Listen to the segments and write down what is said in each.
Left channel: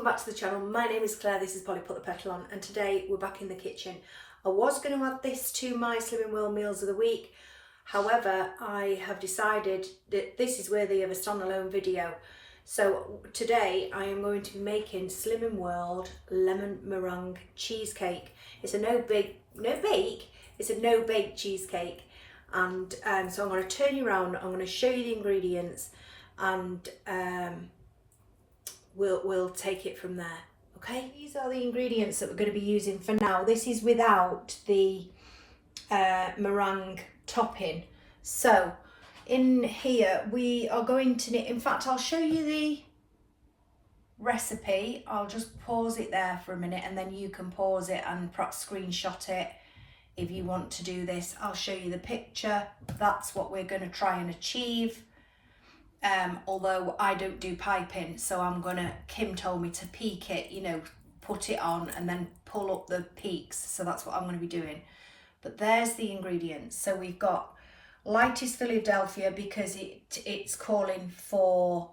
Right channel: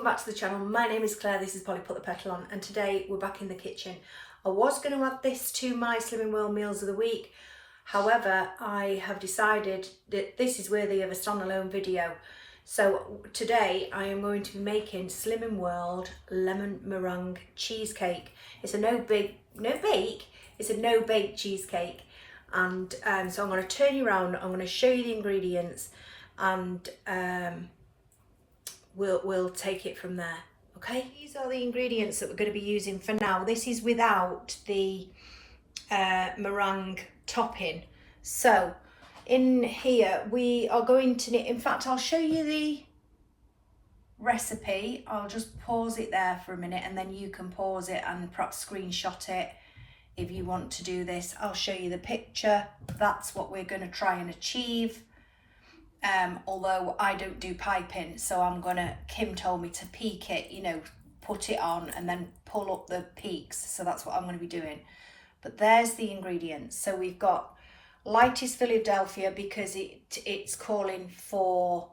welcome back to the channel. My name is Claire, this is Polly Put the Petal On, and today we're back in the kitchen. I was going to add this to my Slimming World Meals of the Week, however I have decided that this is worthy of a standalone video. So today I am going to be making Slimming World Lemon Meringue Cheesecake. It's a no-bake cheesecake, and so I'm going to turn you around, I'm going to show you the ingredients, and we'll take it from there. Okay, these are the ingredients that we're going to be using for now. This is without the meringue topping. So in here we are going to need, in fact I'll show you the recipe. I'll just pause it there for a minute and then you can pause it and perhaps screenshot it if you want to do this. I'll show you the picture. That's what we're going to try and achieve. Although I don't do piping, so I'm gonna, Kim told me to peak it, you know, put it on and then pull up the peaks, so that's what I'm going to be doing. But there's the ingredients. So we've got lightest Philadelphia because it's calling for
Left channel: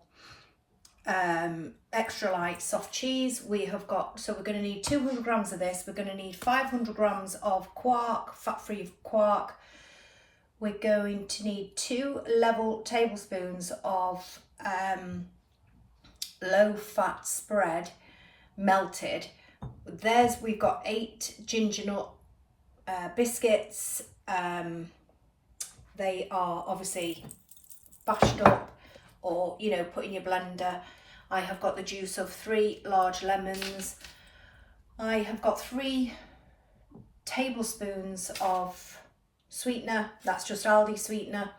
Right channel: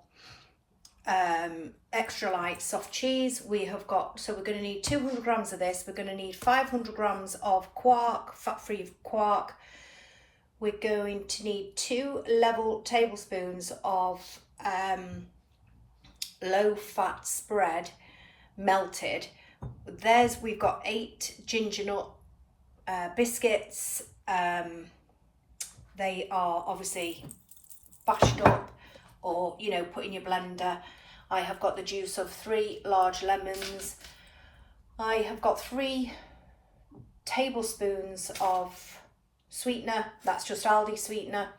extra light soft cheese. We have got, so we're going to need 200 grams of this. We're going to need 500 grams of quark, fat-free quark. We're going to need 2 level tablespoons of low-fat spread melted. We've got 8 ginger nut biscuits. They are obviously bashed up or, you know, put in your blender. I have got the juice of 3 large lemons. I have got 3 tablespoons of sweetener, that's just Aldi sweetener,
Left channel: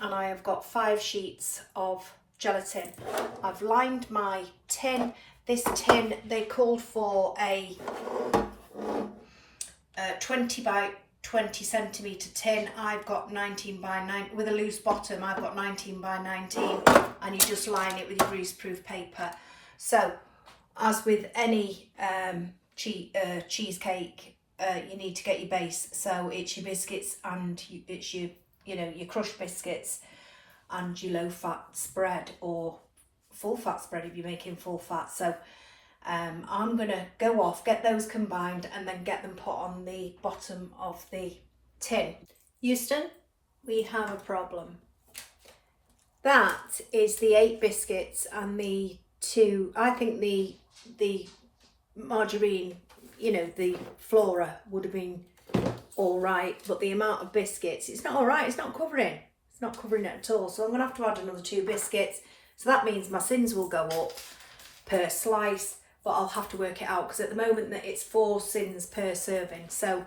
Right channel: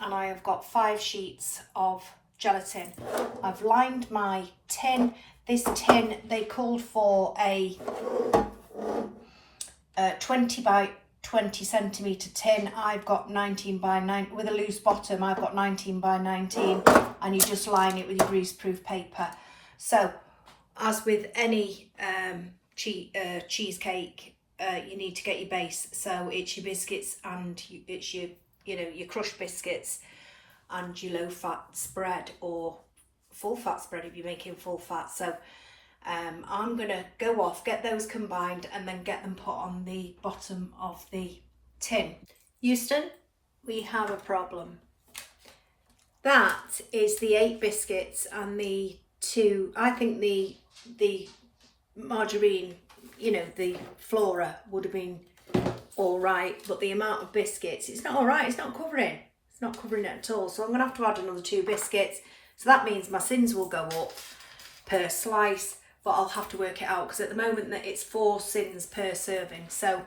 and I have got 5 sheets of gelatin. I've lined my tin. This tin, they called for a 20 by 20 centimetre tin. I've got 19 by 9 with a loose bottom. I've got 19 by 19, and you just line it with your greaseproof paper. So as with any cheesecake, you need to get your base. So it's your biscuits and it's your, you know, your crushed biscuits and your low fat spread or full fat spread if you're making full fat. So I'm gonna go off, get those combined, and then get them put on the bottom of the tin. Houston, we have a problem. That is the 8 biscuits and the 2, I think the margarine, you know, the flora would have been all right, but the amount of biscuits, it's not all right. It's not covering it at all. So I'm gonna have to add another 2 biscuits. So that means my Syns will go up per slice, but I'll have to work it out because at the moment that it's 4 Syns per serving. So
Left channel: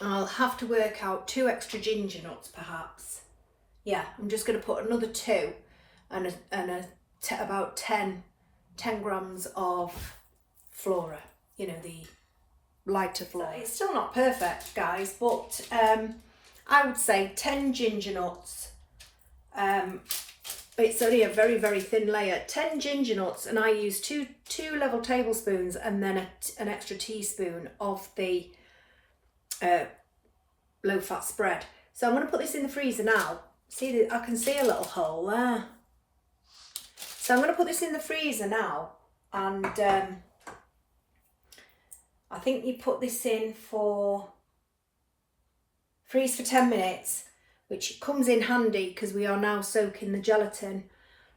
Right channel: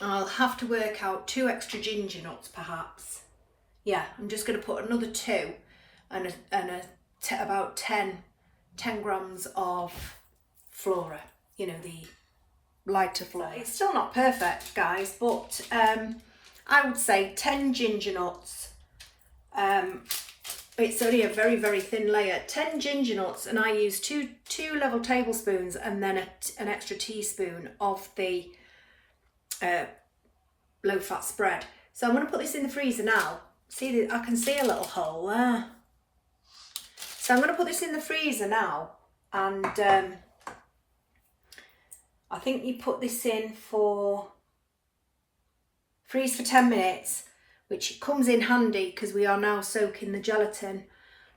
I'll have to work out 2 extra ginger nuts perhaps. Yeah, I'm just gonna put another 2 and about 10 grams of flora. You know, the lighter flora. It's still not perfect, guys, but I would say 10 ginger nuts. It's only a very, very thin layer. 10 ginger nuts, and I use two level tablespoons and then an extra teaspoon of the low-fat spread. So I'm going to put this in the freezer now. See, I can see a little hole there. So I'm going to put this in the freezer now, and I think you put this in freeze for 10 minutes, which comes in handy because we are now soaking the gelatin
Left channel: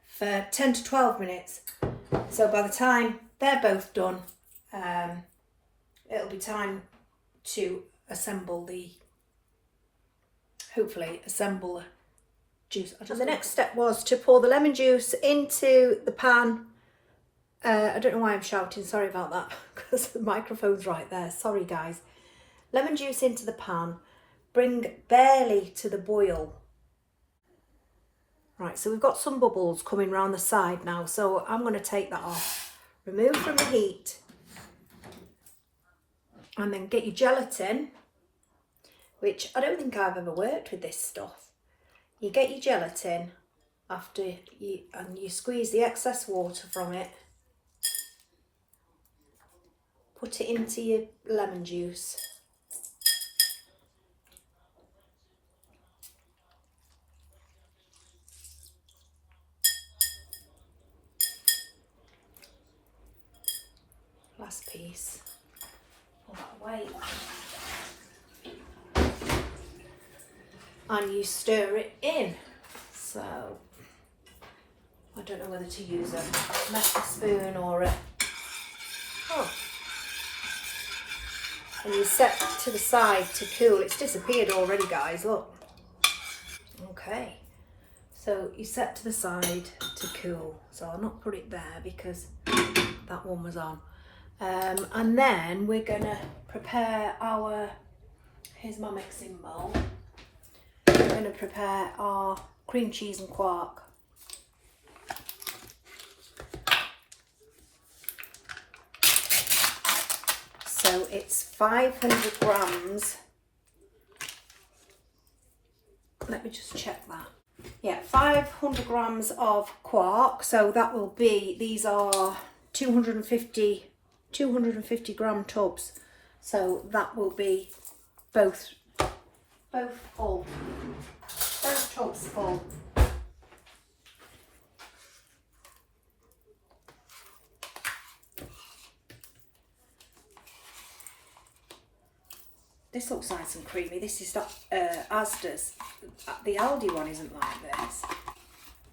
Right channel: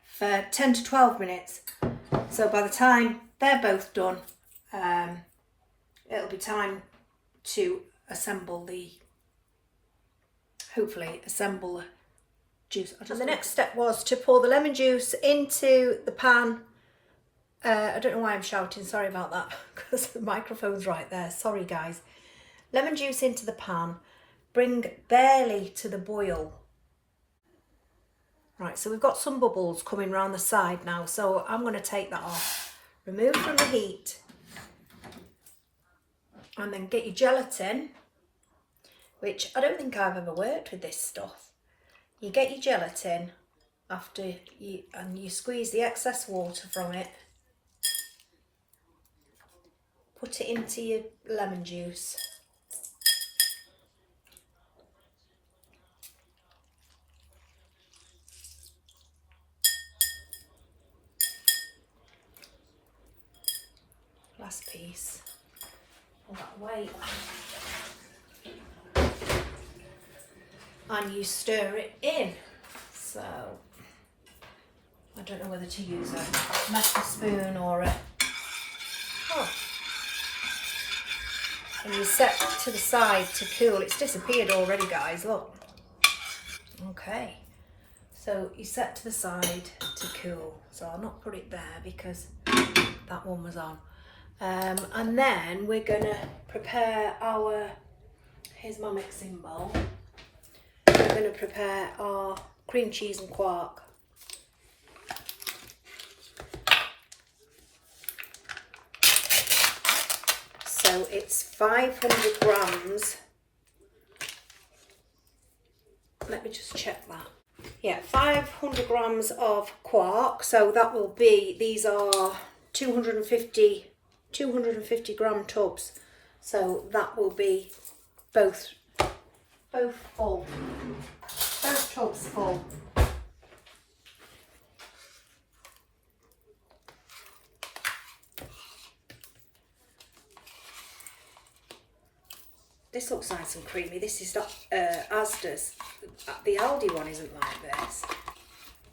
for 10 to 12 minutes. So by the time they're both done, it'll be time to hopefully assemble the juice. And the next step was to pour the lemon juice into the pan. I don't know why I'm shouting, sorry about that, because the microphone's right there, sorry guys. Lemon juice into the pan, bring barely to the boil. Right, so we've got some bubbles coming round the side now, so I'm going to take that off, remove from the heat, and then get your gelatin, which I don't think I've ever worked with this stuff. You get your gelatin after you squeeze the excess water from it. Put it into your lemon juice. last piece. All that weight. And you stir it in. So I don't know whether to use a metal spoon or a... Oh. And you set to the side to cool. It's disappeared already, guys, look. Okay. So you set to the side to cool. So I'll not put it there because that one was on. And then we're gonna prepare our, here's my mixing bowl. We're gonna prepare our cream cheese and quark. So it's 500 grams. Let me just check that. Yeah, 500 grams of quark. So that will be, these are 250 gram tubs. So that will be both full. Both tubs full. This looks nice and creamy. This is not Asda's. The Aldi one isn't like this.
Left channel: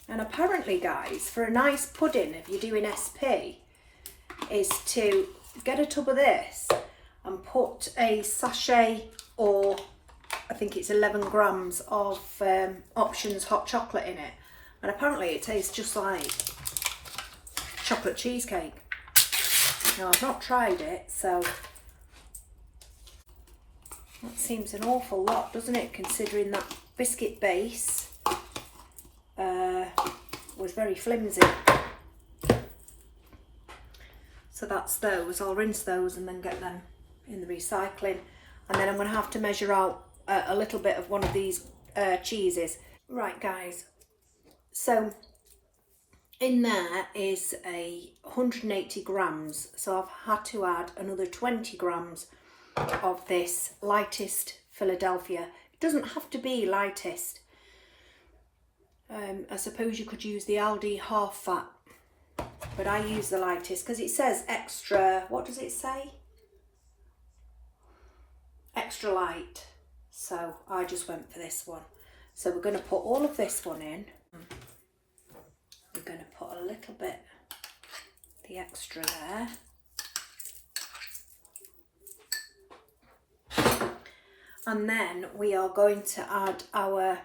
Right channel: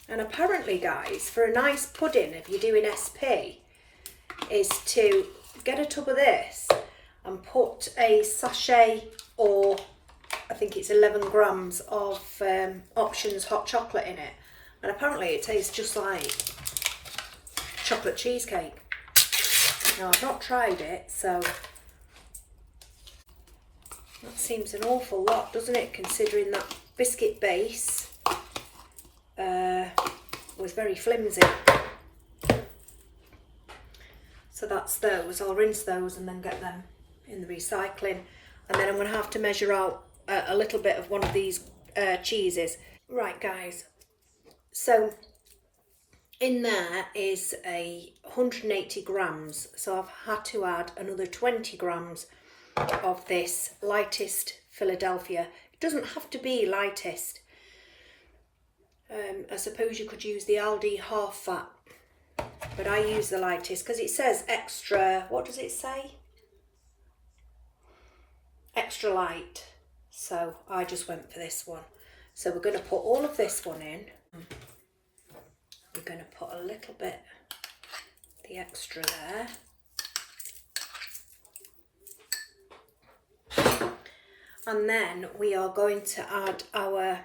And apparently, guys, for a nice pudding, if you're doing SP, is to get a tub of this and put a sachet, or I think it's 11 grams of Options hot chocolate in it. And apparently it tastes just like chocolate cheesecake. Now, I've not tried it, so... That seems an awful lot, doesn't it, considering that biscuit base was very flimsy. So that's those. I'll rinse those and then get them in the recycling. And then I'm going to have to measure out a little bit of one of these cheeses. Right, guys. So in there is 180 grams. So I've had to add another 20 grams of this lightest Philadelphia. It doesn't have to be lightest. I suppose you could use the Aldi half fat, but I use the lightest because it says extra, what does it say? Extra light. So I just went for this one. So we're going to put all of this one in. We're going to put a little bit, the extra there. And then we are going to add our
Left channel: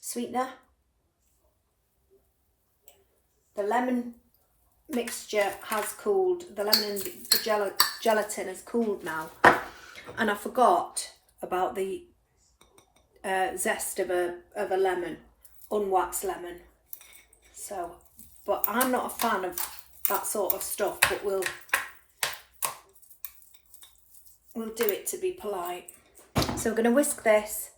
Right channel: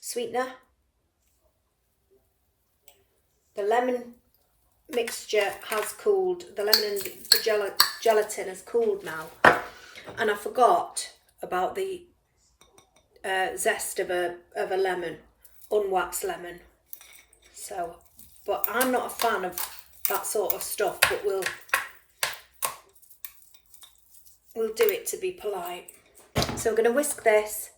sweetener. The lemon mixture has cooled. The lemon and the gelatin has cooled now. And I forgot about the zest of a lemon, unwaxed lemon. So, but I'm not a fan of that sort of stuff, but we'll do it to be polite. So we're going to whisk this.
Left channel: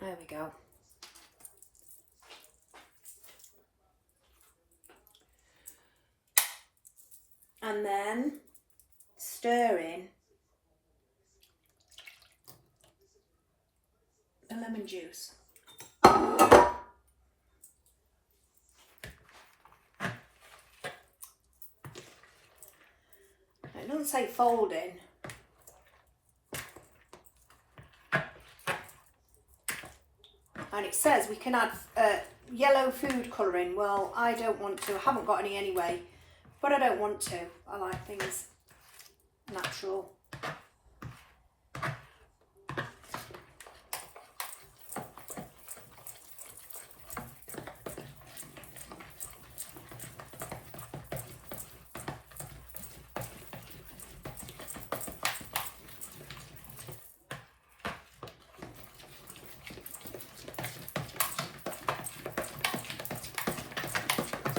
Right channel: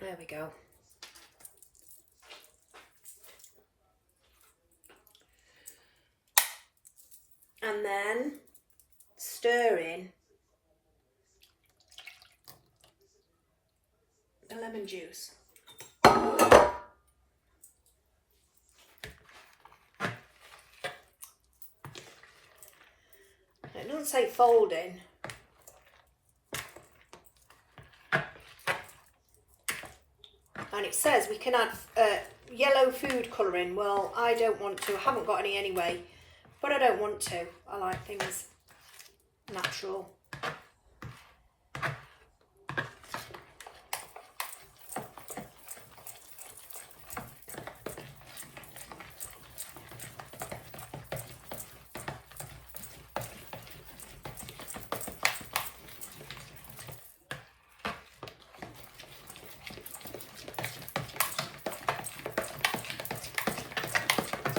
There we go. And then stir in the lemon juice. It doesn't say fold in. And it says we can add yellow food colouring. Well, I don't want to. I haven't got any anyway, but I don't want to. I like things natural.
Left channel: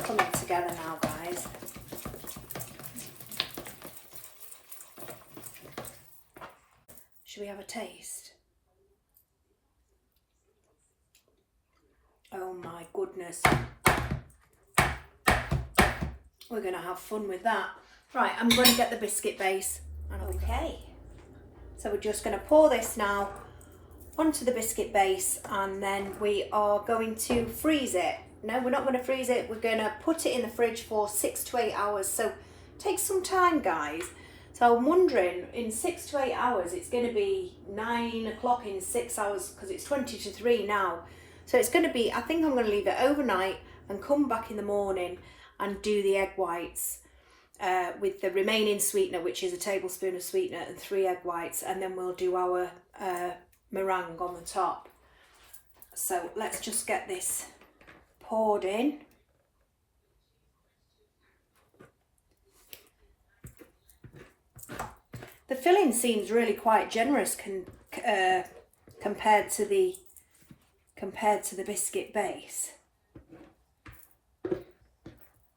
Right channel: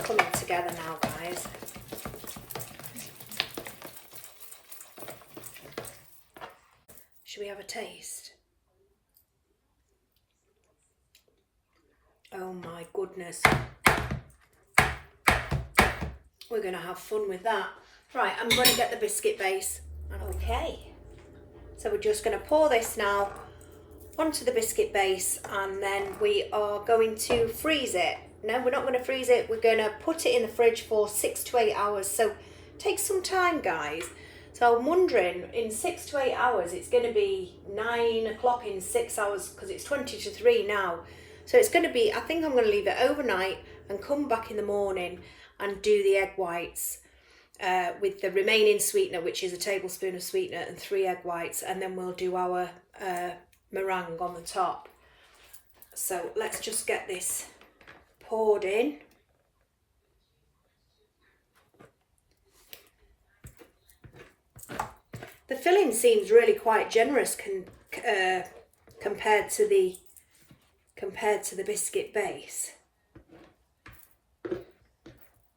Coming together now, guys. Should we have a taste? Oh my goodness. We're going to have fun with that. Right, I'm going to get the biscuit base. Okay, so we're just going to pour this now onto the biscuit base, and then we are going to freeze it. No, we're not going to freeze it. We're going to put it in the fridge for 6 to 8 hours. So it takes some time, guys. So I'm wondering, in 6 to 8 hours, it's going to be 9 o'clock in 6 hours, because it's 20 to 3 now. So it's going to be, I think I'm going to leave it overnight and come back in the morning and do the egg whites with the remaining sweetener, which is a tablespoon of sweetener and 3 egg whites. And then we'll do our meringue on the top. So let's just get this poured in. The filling seems really quite generous compared to the biscuit base.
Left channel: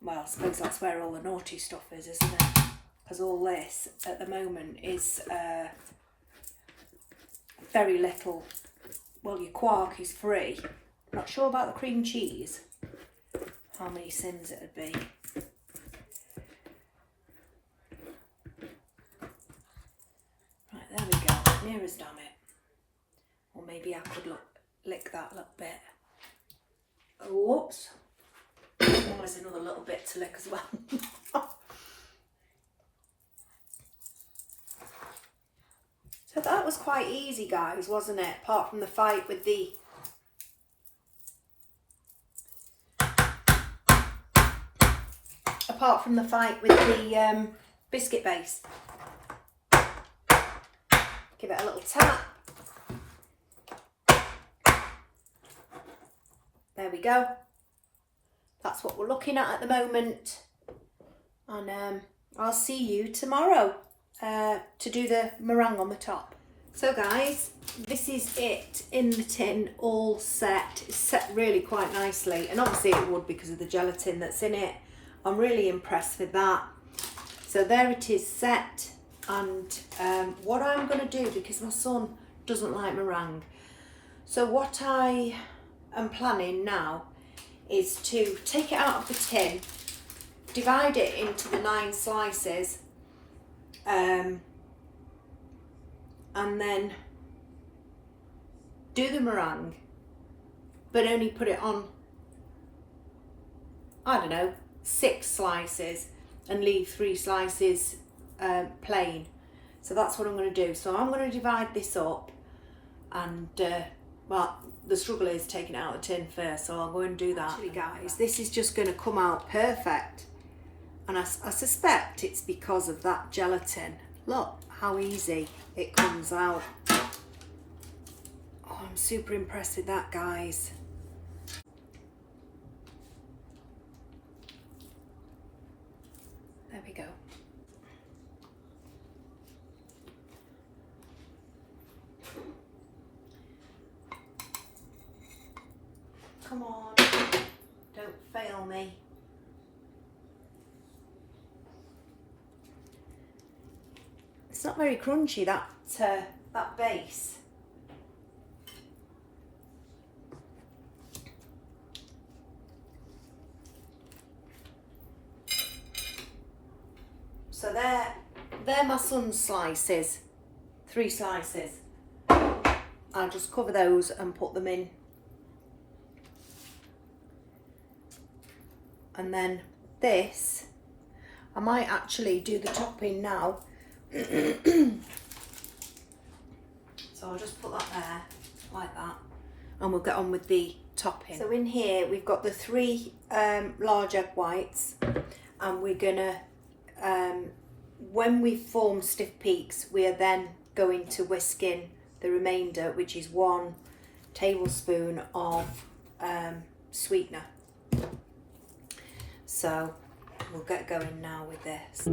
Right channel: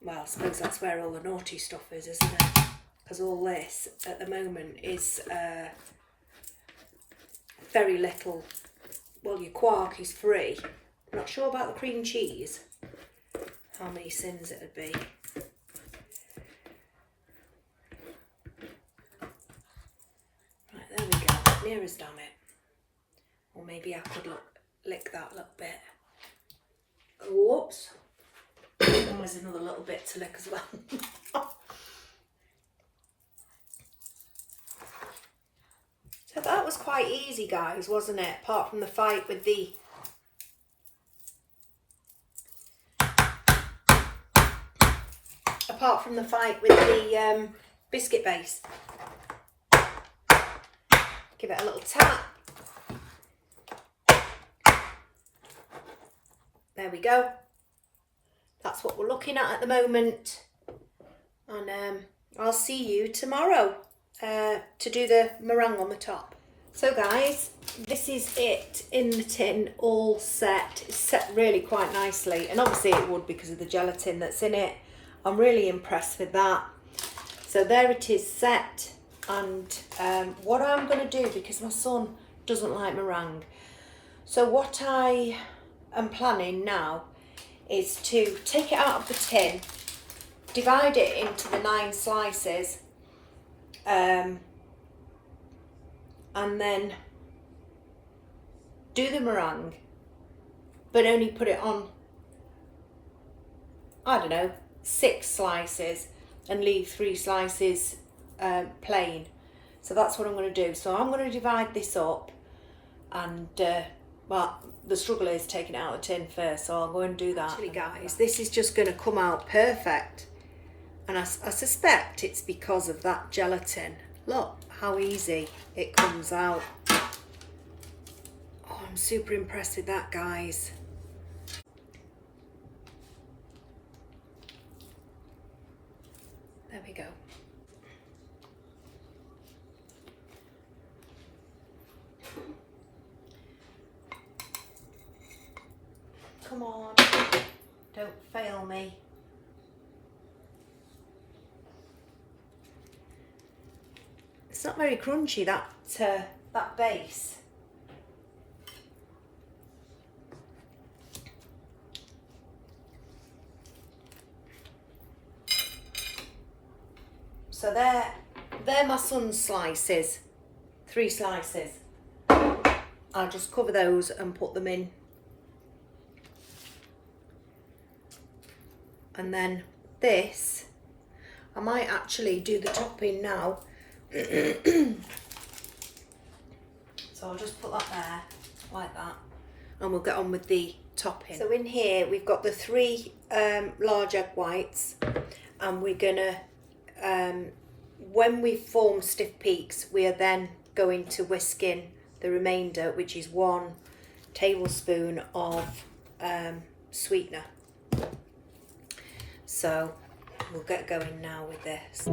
Well, I suppose that's where all the naughty stuff is, isn't it? Because all this at the moment is very little. Well, your quark is free. Not sure about the cream cheese. How many Syns it would be. Right, there we go. Near as damn it. Or maybe I could lick that little bit. Whoops. There's another little bit to lick as well. So that was quite easy, guys, wasn't it? Apart from the fight with the biscuit base. Give it a little tap. There we go. That's what we're looking at the moment. And I'll see you tomorrow to do the meringue on the top. So guys, this is it in the tin, all set. It's set really quite nicely, and obviously it would because of the gelatin that's in it. I'm really impressed with that. So there it is set. And what I'm going to do, because my son doesn't like meringue, so what I am planning now is to take it out of the tin, divide it into the 9 slices, and then do the meringue, but only put it on, I don't know, 6 slices and leave 3 slices plain. So that's what I'm going to do. So I'm going to divide this up, and well, the struggle is taking it out of the tin first, so I'll go and do that. Actually guys, this is just going to come out perfect, and I suspect it's because of that gelatin. Look how easy it comes out. Oh, I'm super impressed with that, guys. There we go. Come on, don't fail me. It's not very crunchy, that base. So they're my son's slices, 3 slices. I'll just cover those and put them in. And then this, I might actually do the topping now. So I'll just put that there, like that, and we'll get on with the topping. So in here we've got the 3 large egg whites, and we're gonna, when we form stiff peaks, we are then going to whisk in the remainder, which is 1 tablespoon of sweetener. So we'll get going now with this.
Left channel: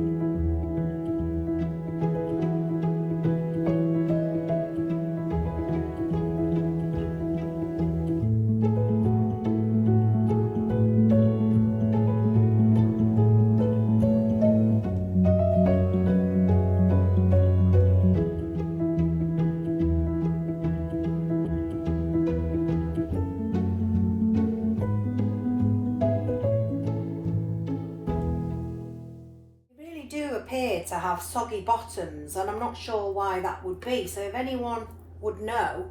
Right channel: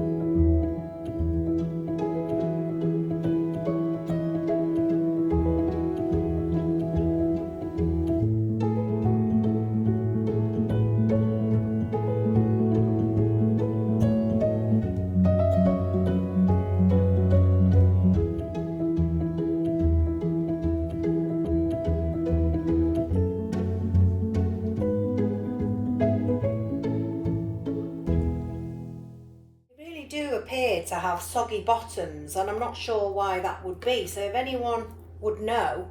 do appear to have soggy bottoms, and I'm not sure why that would be. So if anyone would know,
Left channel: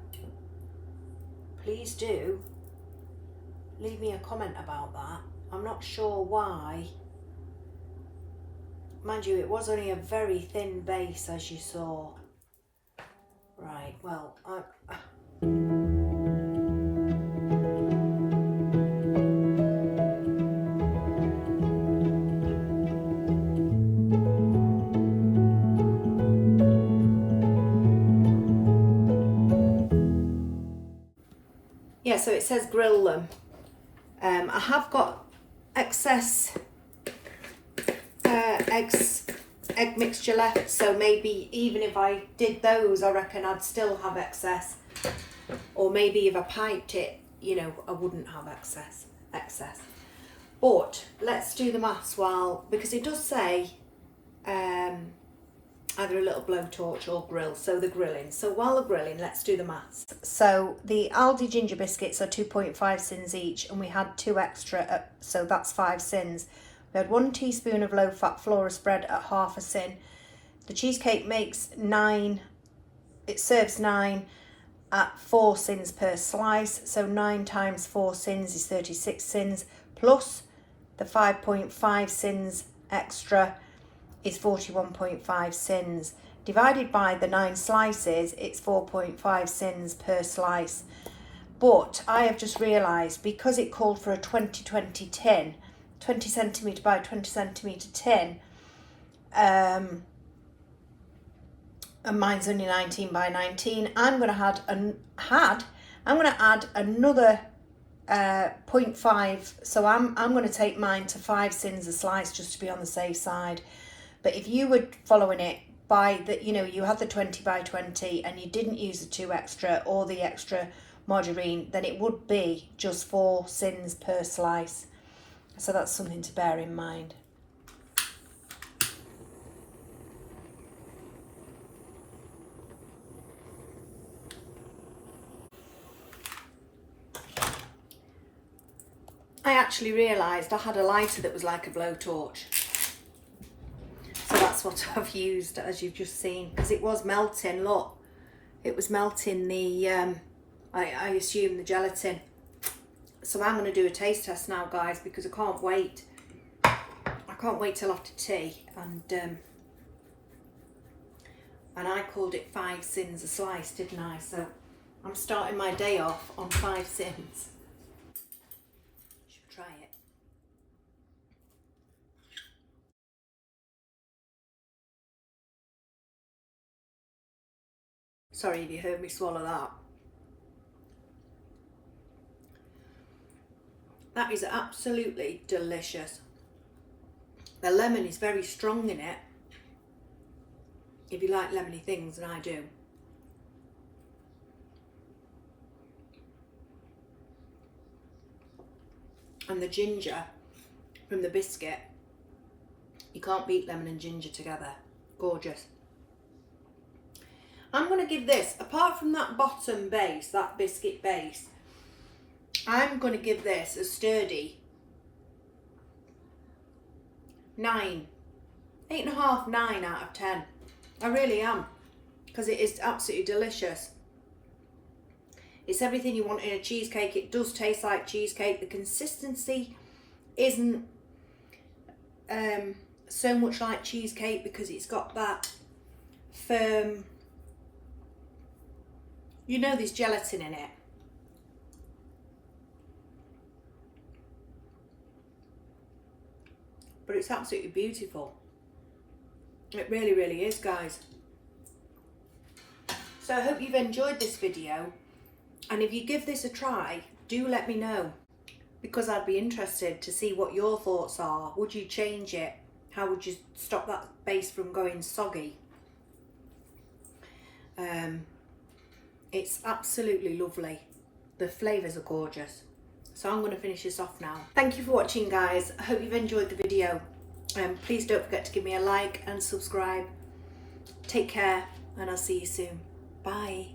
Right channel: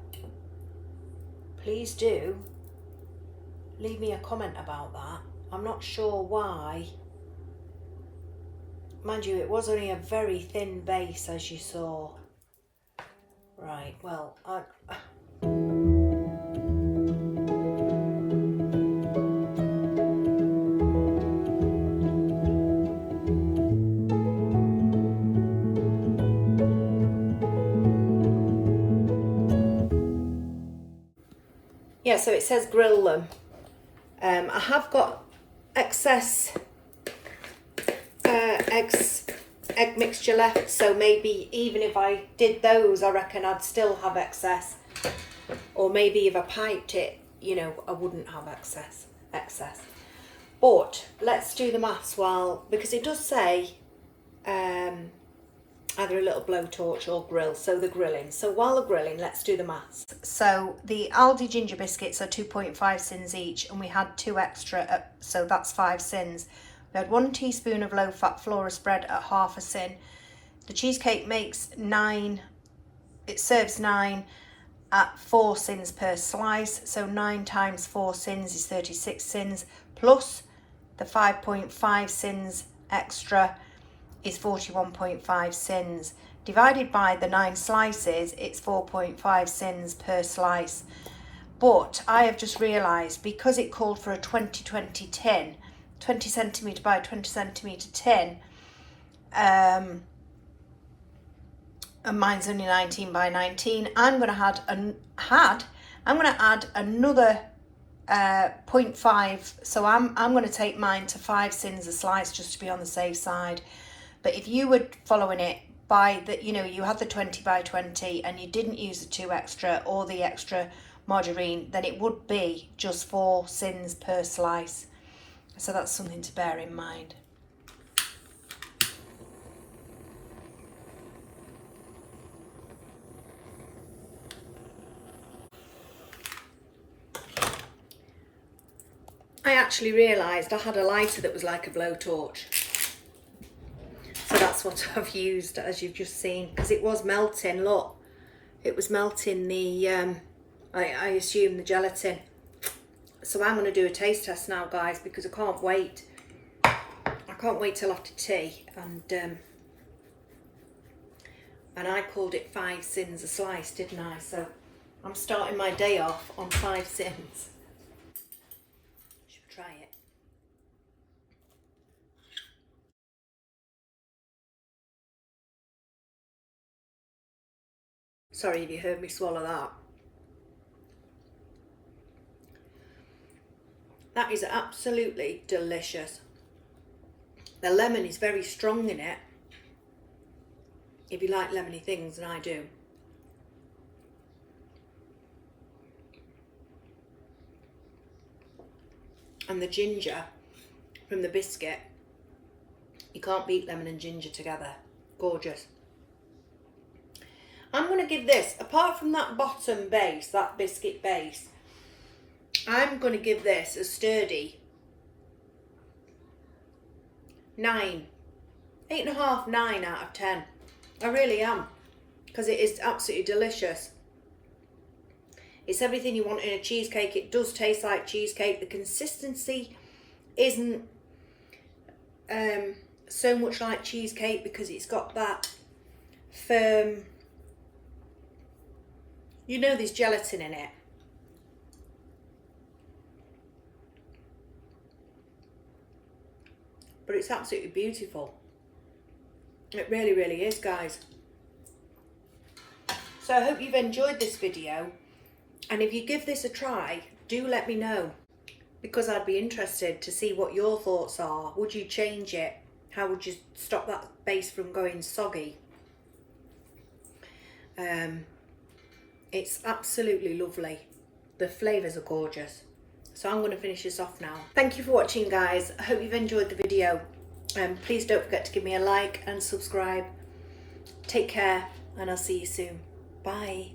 please do leave me a comment about that. I'm not sure why. Mind you, it was only a very thin base, as you saw. Right, well, yeah, so it says grill them. I have got excess egg mixture left, so maybe even if I did those, I reckon I'd still have excess. Or maybe if I piped it, you know, I wouldn't have excess. But let's do the maths because it does say either a little blowtorch or grill, so the grilling. So while they're grilling, let's do the maths. So the Aldi ginger biscuits are 2.5 Syns each, and we had 2 extra, so that's 5 Syns. We had 1 teaspoon of low-fat flora spread at half a Syn. The cheesecake makes 9, it serves 9 at 4 Syns per slice, so 9 times 4 Syns is 36 Syns, plus the 5.5 Syns extra is 41.5 Syns. Divided by the 9 slices, it's 4.5 Syns per slice. But I have just realised, because it called for a 2020 tin, 20 centimetre by 20 centimetre tin, and mine's only 19 by 19, I'm going to add another 0.5, so I'm going to take mine to 5 Syns a slice just to be on the safe side. But if you were following it by the, you know, you had the 20 by 20 and you didn't use the 2 extra or the extra margarine, then it would be just 4 Syns per slice. So that's something to bear in mind. I actually realised I had a lighter that was like a blowtorch. So that's what I've used, as you've just seen, because it was melting, look. It was melting the, I assume the gelatin. So I'm going to do a taste test now, guys, because I can't wait. I can't wait till after tea. And I called it 5 Syns a slice, didn't I? So I'm starting my day off on 5 Syns. Should try it. Sorry if you heard me swallow that. That is absolutely delicious. The lemon is very strong in it, if you like lemony things, and I do. And the ginger from the biscuit, you can't beat lemon and ginger together. Gorgeous. I'm going to give this, apart from that bottom base, that biscuit base, I'm going to give this a sturdy 9, 8.5, 9 out of 10. I really am, because it is absolutely delicious. It's everything you want in a cheesecake. It does taste like cheesecake. The consistency isn't so much like cheesecake because it's got that firm, you know, there's gelatin in it. But it's absolutely beautiful. It really, really is, guys. So I hope you've enjoyed this video. And if you give this a try, do let me know, because I'd be interested to see what your thoughts are. Would you change it? How would you stop that base from going soggy? It's absolutely lovely. The flavours are gorgeous. So I'm going to finish this off now. Thank you for watching, guys. I hope you've enjoyed the video. Please don't forget to give me a like and subscribe. Take care, and I'll see you soon. Bye.